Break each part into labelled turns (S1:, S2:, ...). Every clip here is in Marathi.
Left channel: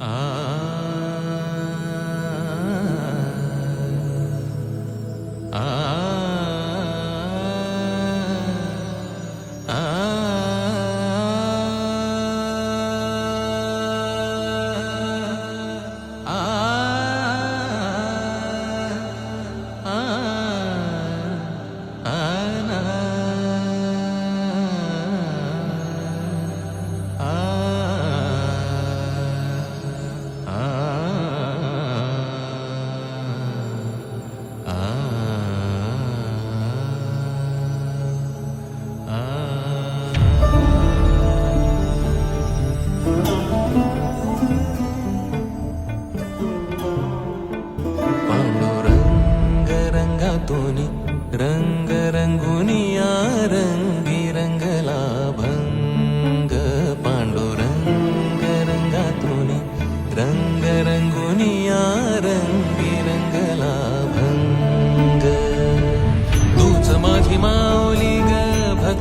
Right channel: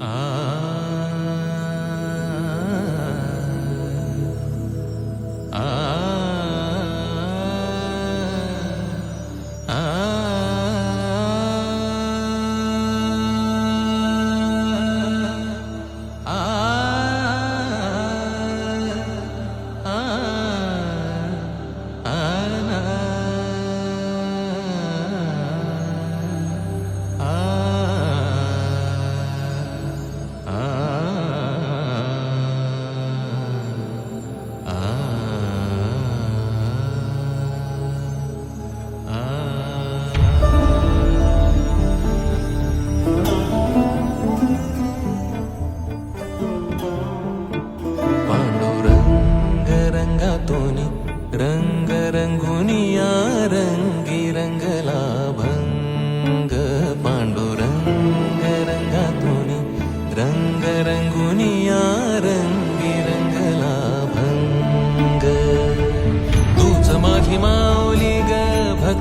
S1: 아.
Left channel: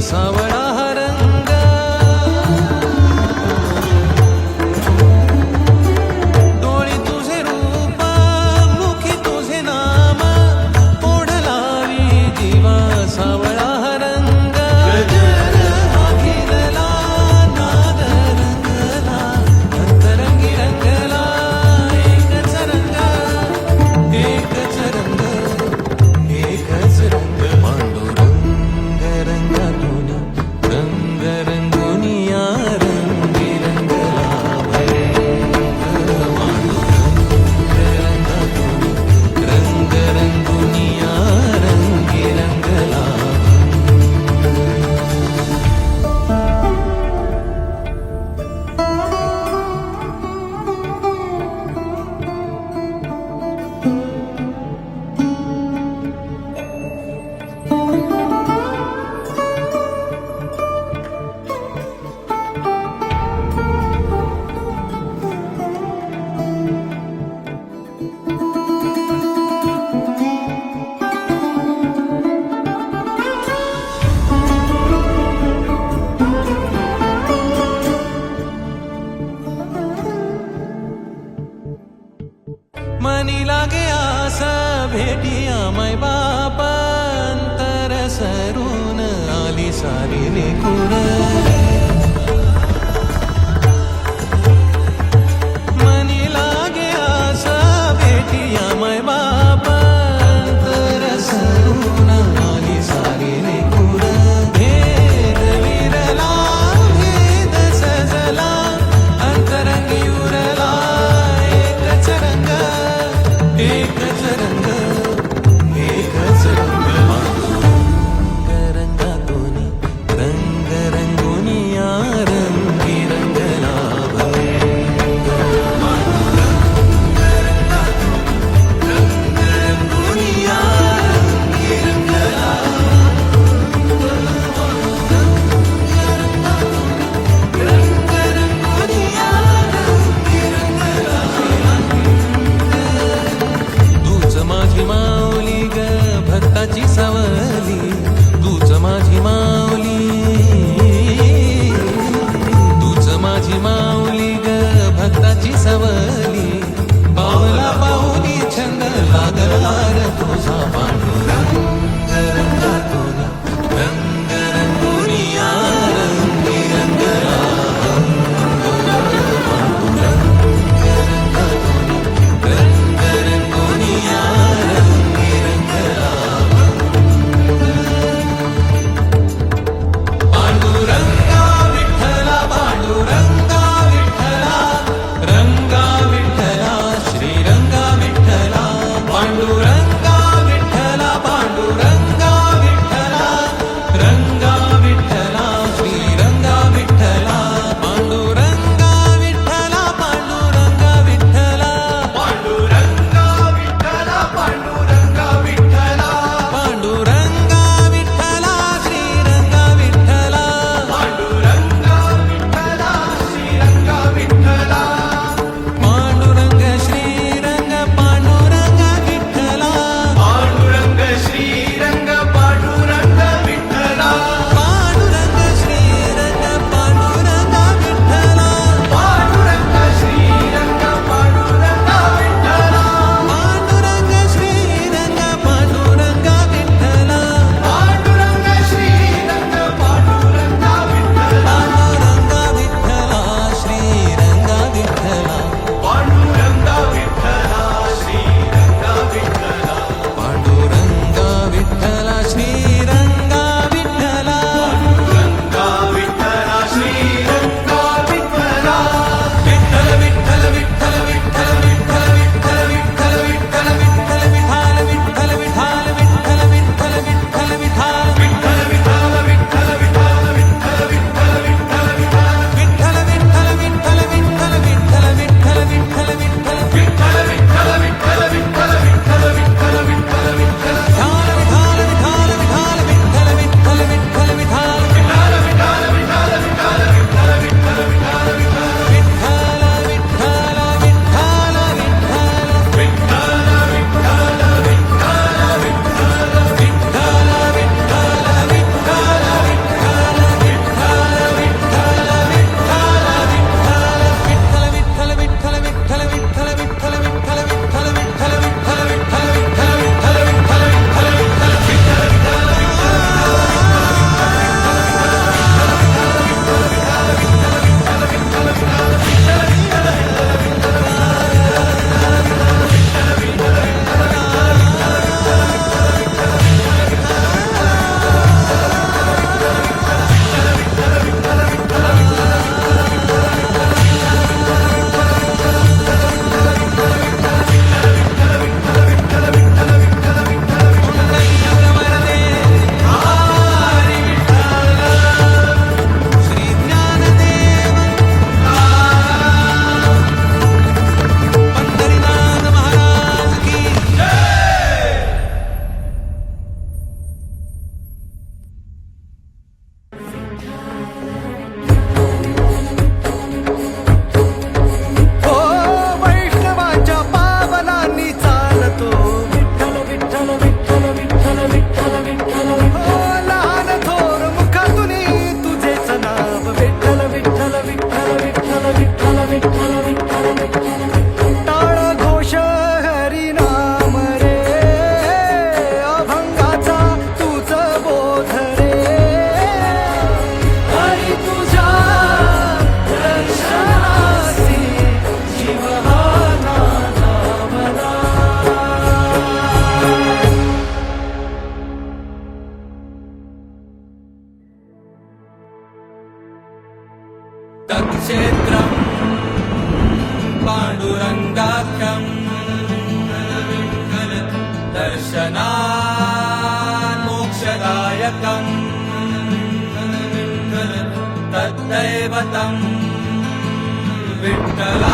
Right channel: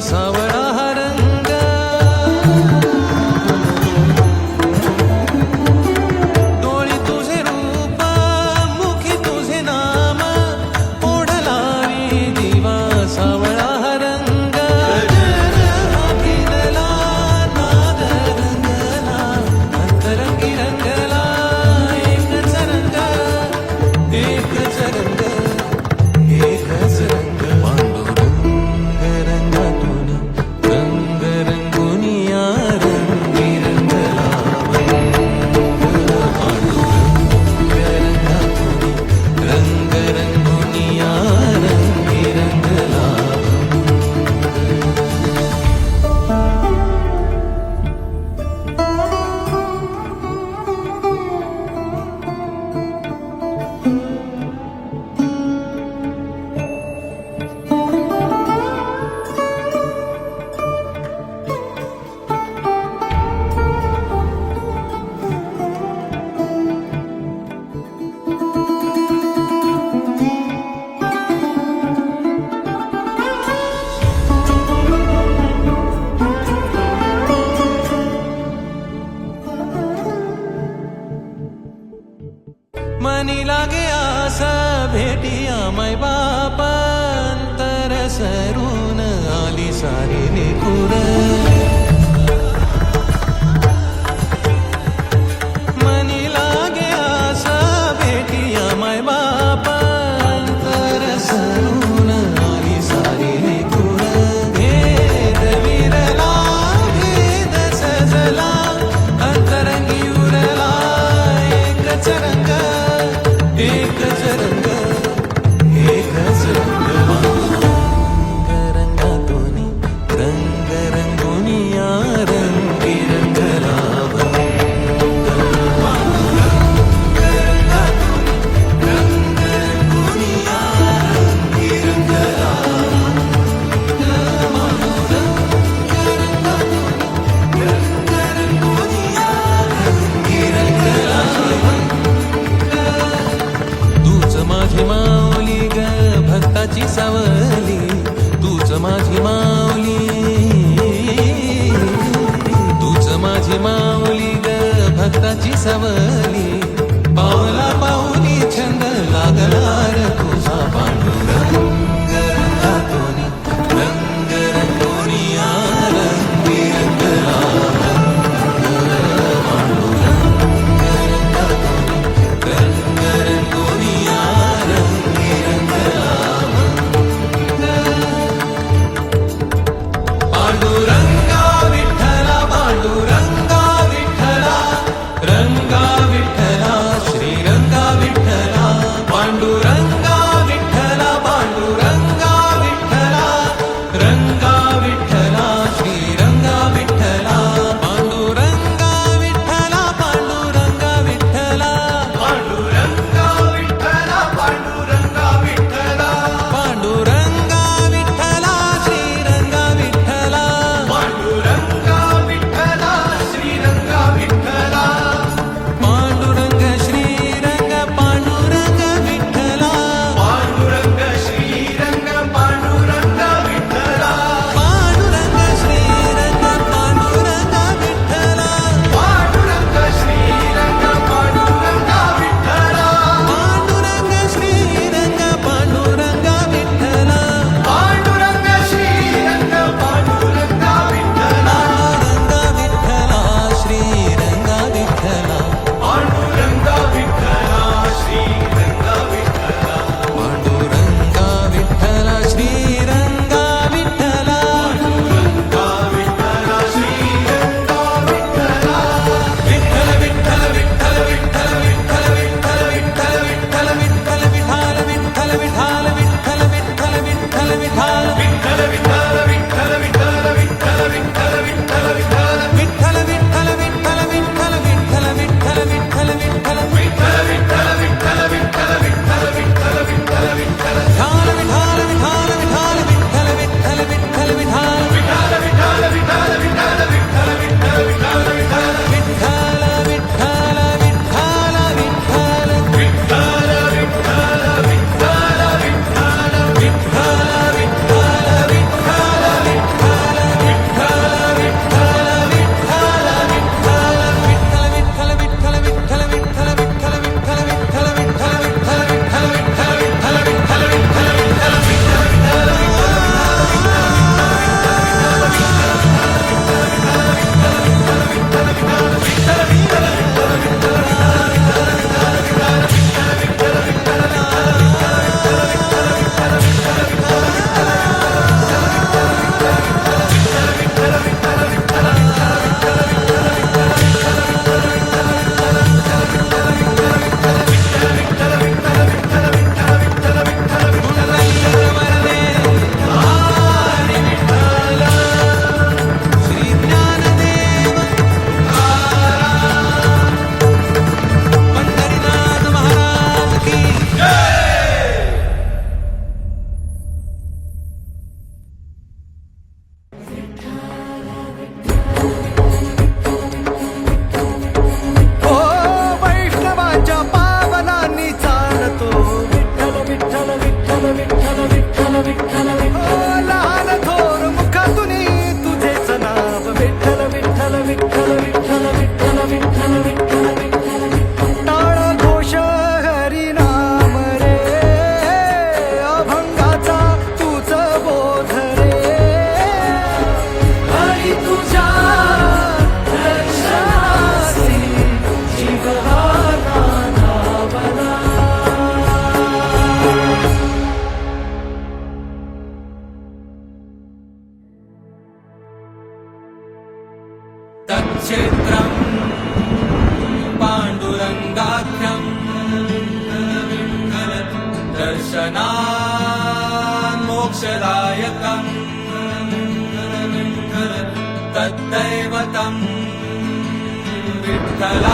S1: सावळा සැරුණ අලි සරිනෙකුර මනිලාගේ ආසා බෙටියමයි බාපන්තර සරුණ. माझी माऊली ग भक्ताची सावली. तूच माझी माऊली. तूच माझी माऊली ग भक्ताची सावली. पावला पाऊली छंद लागला तुझा पांडुरंग. रंगातोनी तुरङ्गाख्यं मनमिण्ठन विण्ठल दर्शना मोक्षदायकम् मनमिण्ठन विठ्ठल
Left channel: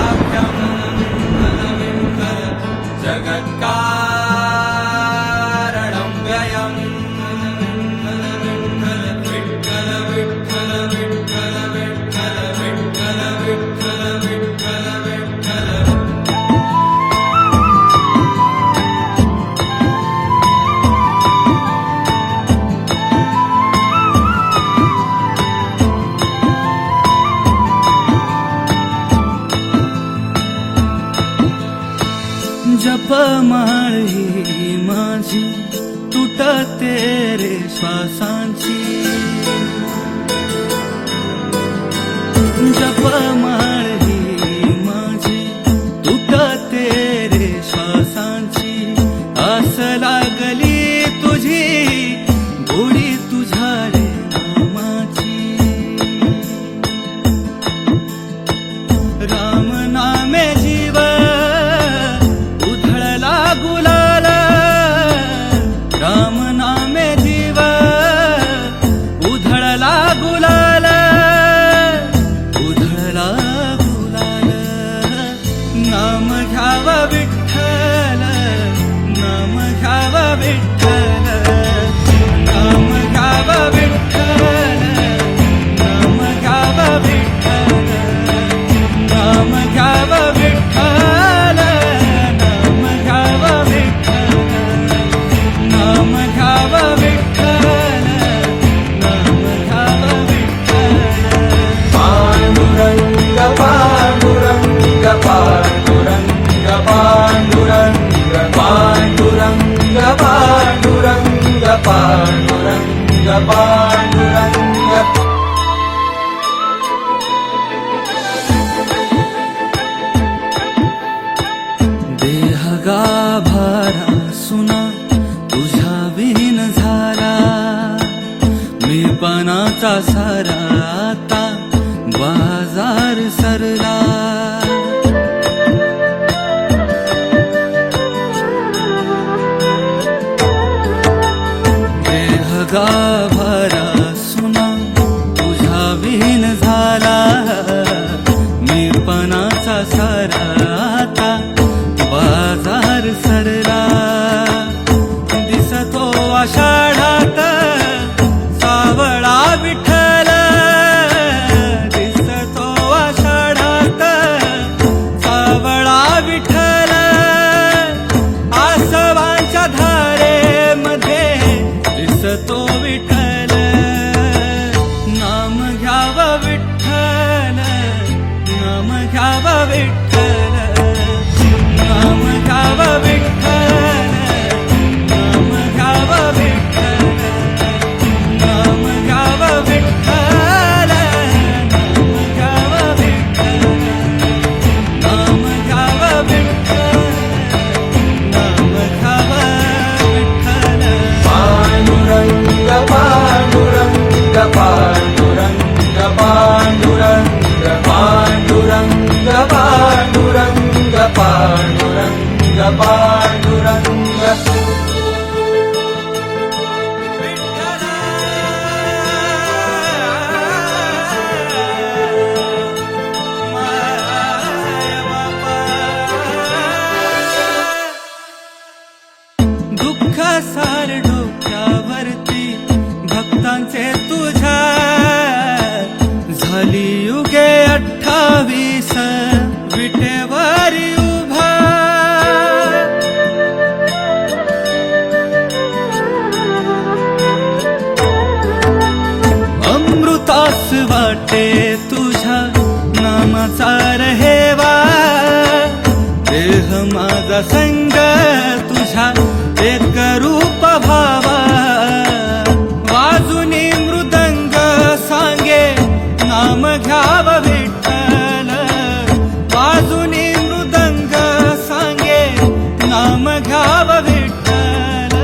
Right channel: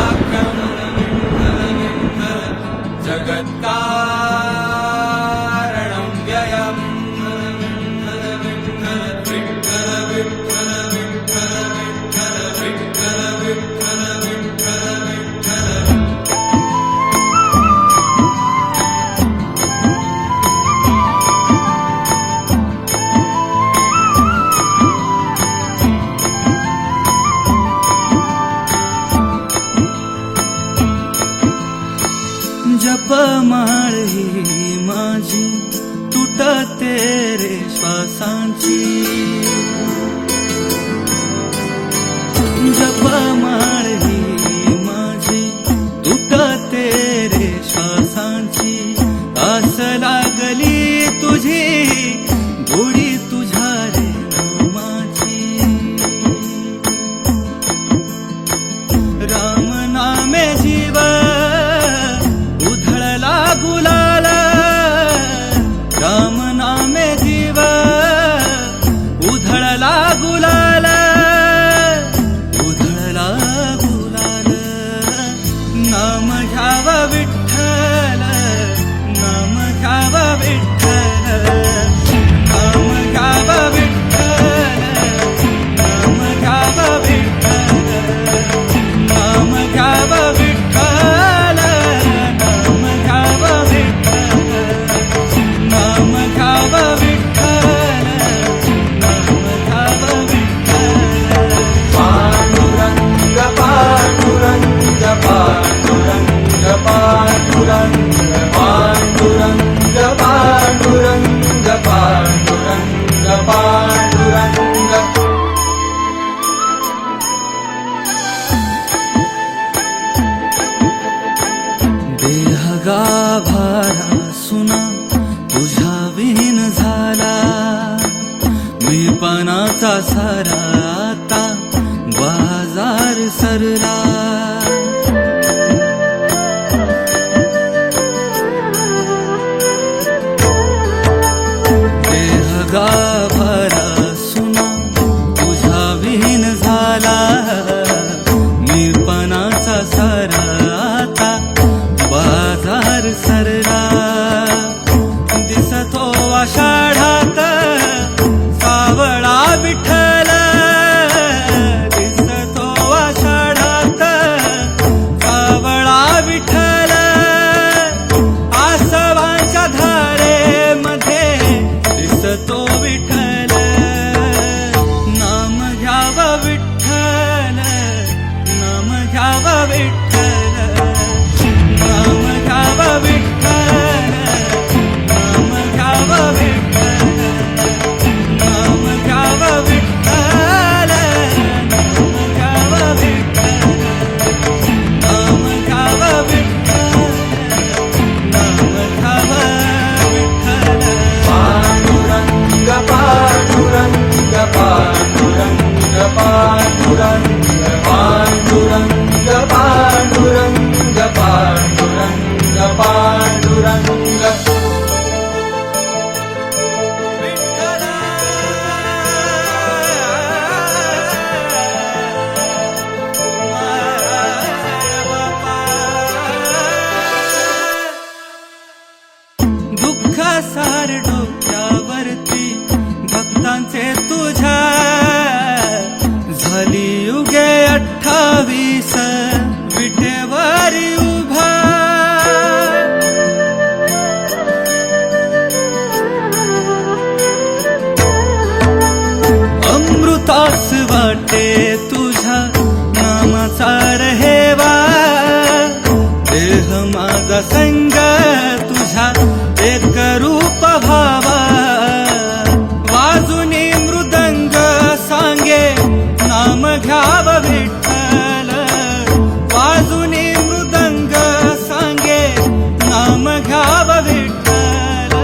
S2: श्वासांची जपमाळ ही माझी तुटते रे श्वासांची. आस लागली तुझी गोडी तुझ्या रे मामाची राम नामे जीव उधळला गुला मीपणाचा सराता सारा आता बाजार सरला. देह गाभारा सुना तुझा विहीन झाला. मीपणाचा सराता सारा आता बाजार सरला. दिसतो आषाढात भक्तांचे तुझ्या झाली युगे अठ्ठावीस विटेवारी उभा. अमृतास वाटे तुझ्या नामाचा रहेवा. देह माझा संग तुझ्या एक रूप भावा नाम घ्याव विठ्ठल वाजुनी मृदंग सांगे नाम घ्याव विठ्ठल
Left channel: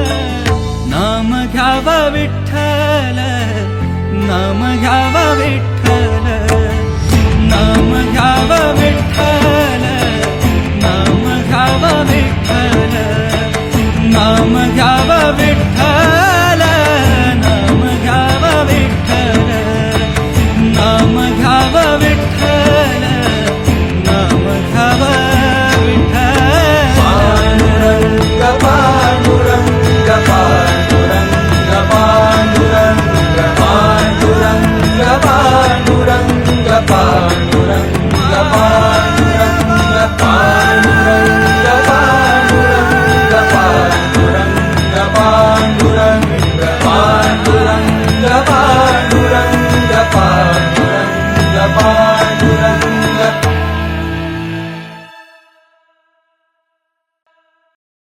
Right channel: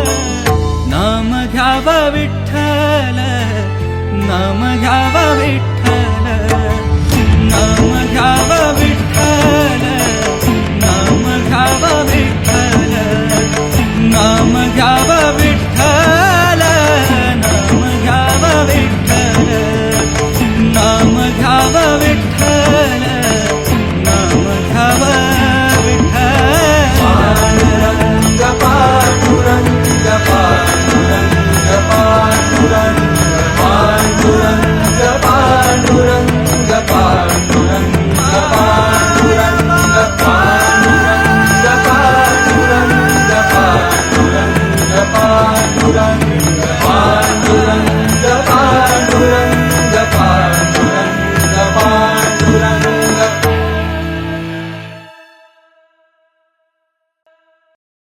S2: नाम घ्याव विठ्ठल नाम घ्याव विठ्ठल नाम घ्याव विठ्ठल नाम घ्याव विठ्ठल नाम घ्याव विठ्ठल